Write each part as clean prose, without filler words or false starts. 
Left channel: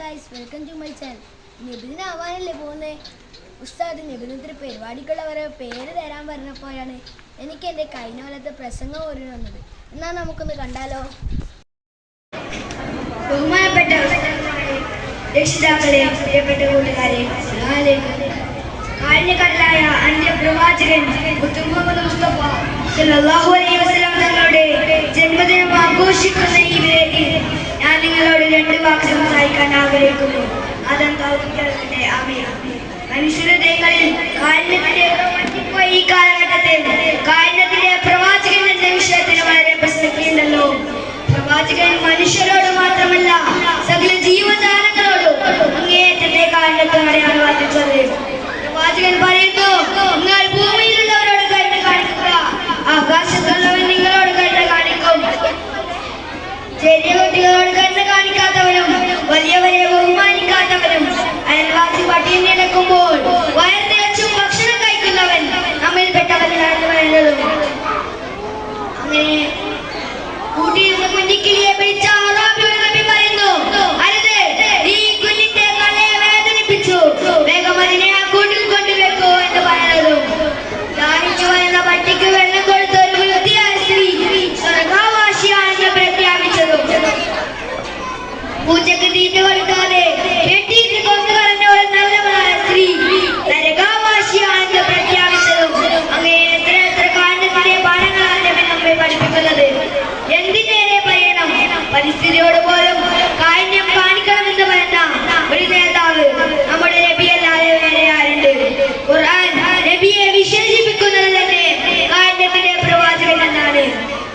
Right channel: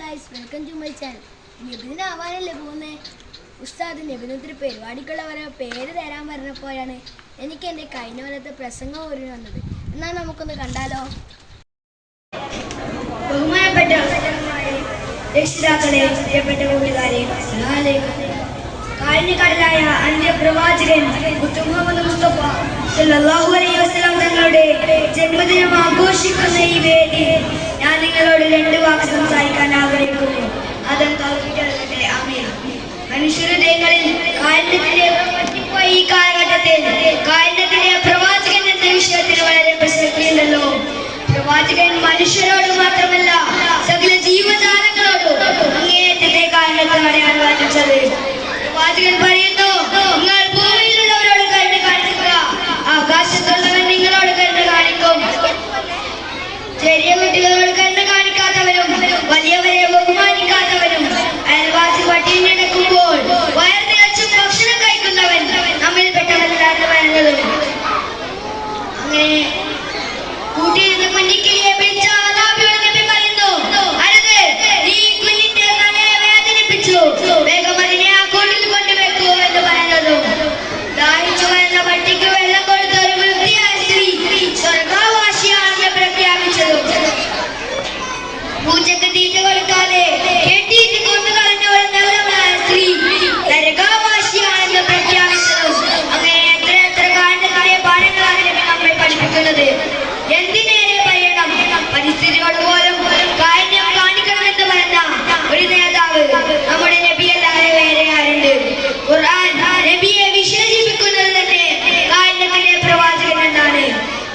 Guys, welcome to my channel. നബിദിനാവാനല്ലേ പോകുന്നത്. ഉസ്താദ് നബിദിനത്തിന് പരിപാടിക്കുള്ളവരെ പേര് തരാൻ പറഞ്ഞപ്പോഴാണ് എനിക്ക് എൻ്റെ കഴിഞ്ഞ കൊല്ലത്തെ പ്രസംഗം ഓർമ്മ വന്നത്. എന്നാൽ നമുക്കൊന്ന് കണ്ടാലോ. ബഹുമാനപ്പെട്ട രക്ഷിതാക്കളെ, പ്രിയപ്പെട്ട കൂട്ടുകാരെ, കാരുണ്യകടലായ അന്ത്യപ്രവാചകൻ മുഹമ്മദ് മുസ്തഫ സല്ലല്ലാഹു അലൈഹി വസല്ലം തങ്ങളുടെ ജന്മദിനം ആഘോഷിക്കുന്ന ഈ വേദി ഞാൻ നിങ്ങളോട് രണ്ട് വാക്ക് സംസാരിക്കാൻ ആഗ്രഹിക്കുന്നു. അതെന്താവട്ടെ. ആമീൻ. മനുഷ്യഹൃദയങ്ങളിൽ കാരുണ്യത്തിന്റെ പറ്റിപ്പോയ ഈ കാലഘട്ടത്തിൽ കാരുണ്യത്തിന്റെ പ്രവാചകൻ എന്ന വിഷയത്തിന് വളരെ പ്രസക്തിയുണ്ടല്ലോ. പ്രവാചകൻ മനുഷ്യരോട് മാത്രമല്ല സകല ജീവജാലങ്ങളോടും അങ്ങേയറ്റത്തെ കാരുണ്യത്തോടെയാണ് വാദിച്ചത്. പ്രവാചകൻ പറയുന്നു, നിങ്ങൾ ഭൂമിയിലുള്ളവരോട് കരുണ കാണിക്കുക, ആകാശത്തുള്ളവൻ നിങ്ങളോട് കരുണ കാണിക്കും. ചെറിയ കുട്ടികളോട് കരുണ കാണിക്കാത്തവരും വലിയവരെ ബഹുമാനിക്കാത്തവരും അയൽവാസി പട്ടിണി കിടക്കുമ്പോൾ വയർ നിറച്ചും ഭക്ഷണം കഴിക്കുന്നവൻ നമ്മിൽപ്പെട്ടവരിലാണ് പറയുന്നതും. അങ്ങനെ കൂട്ടിയിരുന്ന കുഞ്ഞിക്കിളിയെ പിടിച്ച അറാബിയോട് നബി പറയുന്നു, അരുത്, നീ കുഞ്ഞിന്റെ തലയെ വേദനിപ്പിച്ചു, വേഗം അതിനെ ആ കൂട്ടിൽ കൊണ്ടുവെക്കൂ എന്ന് പറയുന്നതും. ദാഹിച്ചു വരുന്ന പട്ടിക്ക് വെള്ളം കൊടുത്ത ഒരു വൃത്തിയായ സ്ത്രീ സ്വർഗാവാസിയാണെന്ന് പ്രഖ്യാപിച്ചതും. പൂച്ചക്ക് തീറ്റ കൊടുക്കാതെ കെട്ടിയിട്ട് കൊണ്ടുകളഞ്ഞ ഒരു നല്ലവളായ സ്ത്രീ നരകാവാസിയാണെന്ന് പ്രഖ്യാപിച്ചതും. അങ്ങനെ എത്ര കാരണത്തിന്റെ പാഠങ്ങളാണ് നബി നമ്മെ പഠിപ്പിക്കുന്നത്. എന്തിനേറെ പറയണം, പരിസ്ഥിതിയോട് പോലും കാരുണ്യം കാണിക്കണമെന്ന് പറഞ്ഞ ഒരു നേതാവ് നമ്മുടെ നബിയല്ലാതെ വേറെ ആരുണ്ട്? ഖുർആൻ നബിയെ വിശേഷിപ്പിക്കുന്നത് തന്നെ കാരുണ്യത്തിന്റെ പ്രവാചകൻ എന്നാണ്.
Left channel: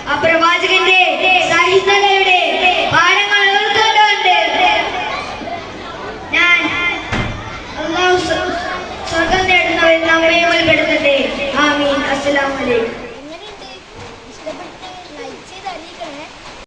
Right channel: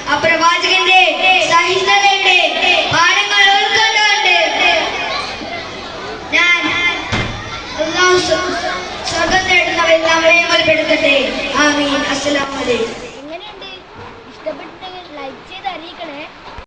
ആ പ്രവാചകന്റെ സഹിഷ്ണുതയുടെ പാഠങ്ങൾ ഉൾക്കൊണ്ടുകൊണ്ട് ഞാൻ സ്വർഗം തേടുന്നവൻ നമ്മെ ഉൾപ്പെടുത്തട്ടെ. ആമീൻ. അസ്സലാമു അലൈക്കും.